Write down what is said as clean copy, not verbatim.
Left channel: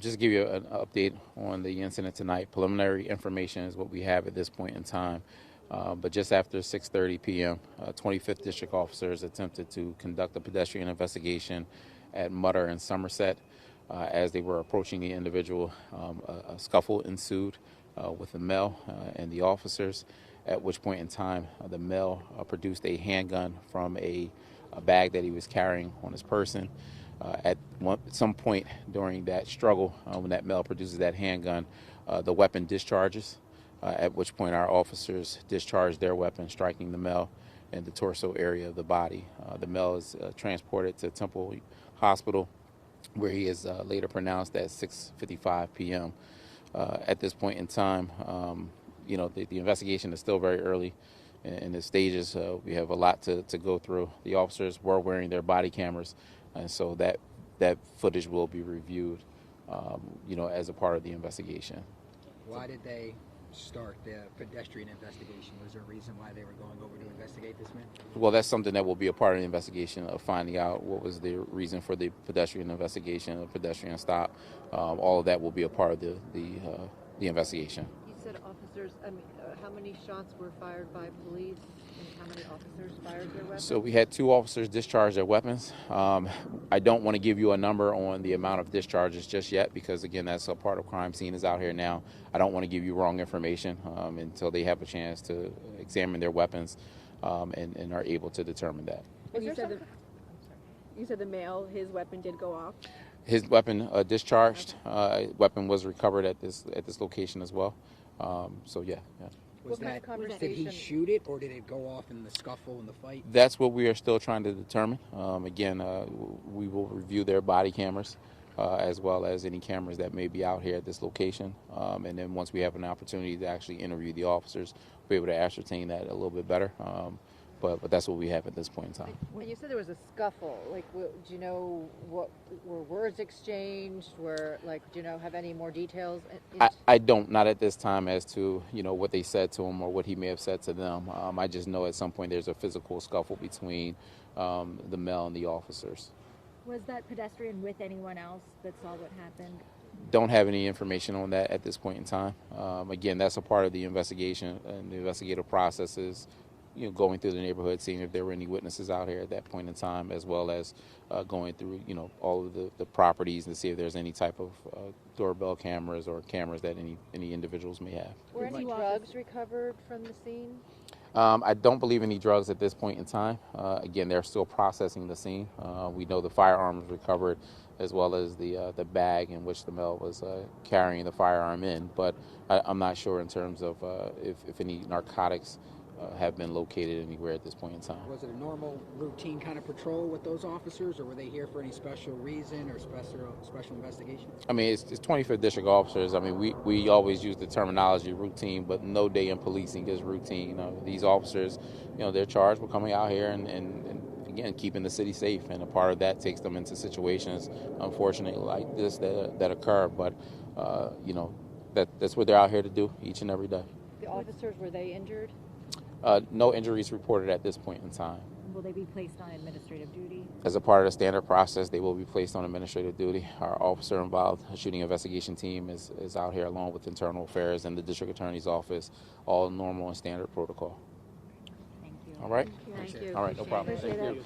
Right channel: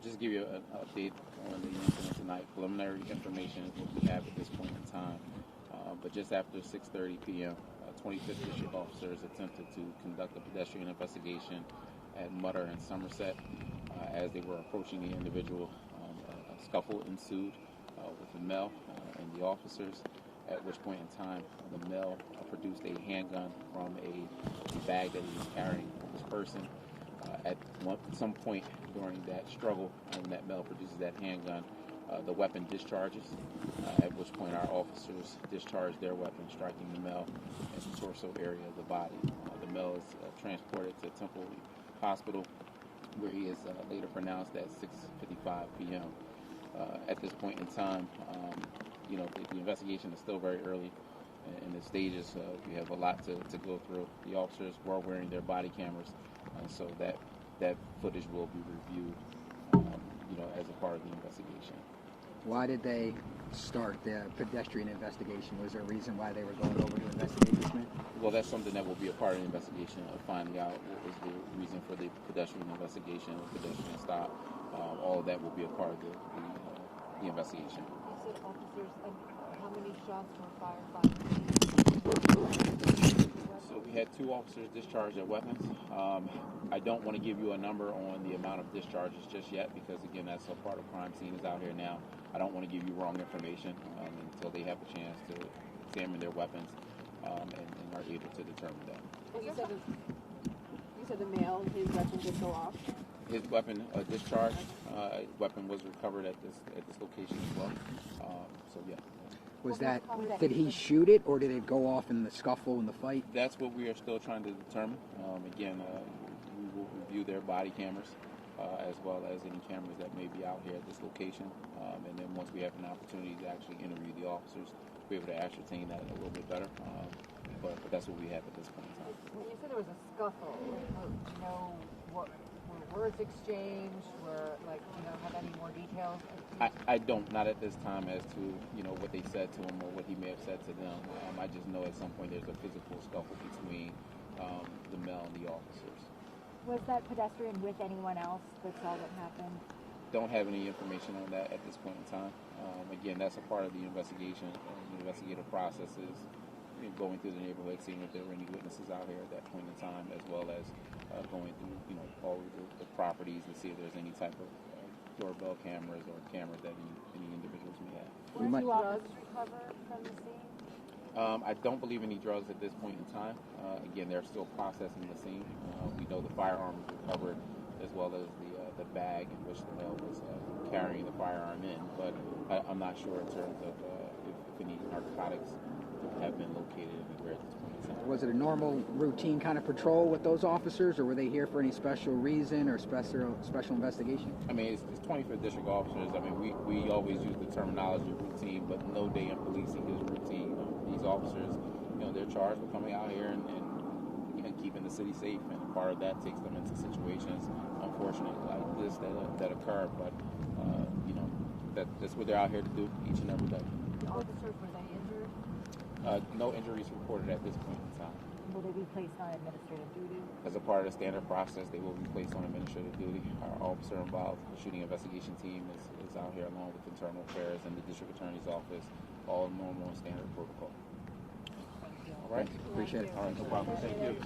Just to give you an update on the incident tonight. Preliminary information is what we have at this point in time. But just after 6:30 p.m., 25th District officers attempted to conduct a pedestrian investigation at Mutter and Somerset. As they were approaching the individual, a scuffle ensued with the male and the officers, at which point in time the male produced a handgun from a bag that he was carrying on his person. At some point during that struggle, when that male produces that handgun, the weapon discharges, at which point our officers discharge their weapon, striking the male in the torso area of the body. The male is transported to Temple Hospital, where he is later pronounced at 6:55 p.m. At this point in time, the investigation is still very early in the stages. We have a lot to go through. The officers were wearing their body cameras, so that footage will be reviewed, as a part of the investigation. Why did they start the pedestrian investigation? Was there a reason why they were going over to investigate this man? Well, that's something that will be a part of the investigation, of finding out what was the reason for the pedestrian investigation, a pedestrian stop. All of that will be a part of the investigation. You said officers, how many shots were fired by police? So we had 2 officers discharge their weapons. I don't want to give you a number on the amount of discharges just yet, because again, that's a part of crime scene is out here now. I don't want to give you wrong information until they have a chance to examine their weapons and are able to determine that. You said the male, his weapon did go off? His weapon discharged. Weapon was recovered at this location as well. So yeah. Did he shoot it, or did it go off in the scuffle in the fight? That's what we are still trying to determine. Again, we will review their body cameras as well as any cameras that may be out here at this location. And then once we have an opportunity to actually interview the officers, we'll be able to ascertain that a little bit better. But that's what we have at this point in time. When you said there was a scuffle, do you know what were words exchanged? Do you have any more details? I don't, not at this time, as to what they said to him or what he may have said to them. I just know at some point there's a physical scuffle between the male and the officers. Was that pedestrian with anyone else that saw what happened? Don't have any information on that at this point in time. Again, that's a part of the investigation, and the investigative process is going through the neighborhood, seeing if there were any witnesses out here at that point in time, as well as going through all of the properties to see if there's any type of doorbell cameras or cameras that any individuals may have. Were any drugs recovered from the scene? I don't believe any drugs at this point in time. Again, they're still processing the scene. We know the firearm was recovered, as well as the bag in which the male was carrying the firearm in. But I'm not sure in terms of if any narcotics have been located anywhere at this point in time. Was it a normal routine kind of patrol with those officers, or were they here for any special reason or special investigation? I mean, it's 25th District officers. I mean, we always use the terminology routine, but no day in policing is routine. These officers, they're charged with coming out here and again, keeping the city safe, and a part of that takes them into situations, unfortunately, like this that occur. But that's what they're out here to do each and every day. The officers, were they injured? No injuries reported at this point in time. Will they be placed on administrative duty? As a part of the standard process, they will be placed on administrative duty. Our officer involved shooting investigation team is out here along with internal affairs and the district attorney's office, all normal and standard protocol. All right? Thank you. All right, no problem. Thank you.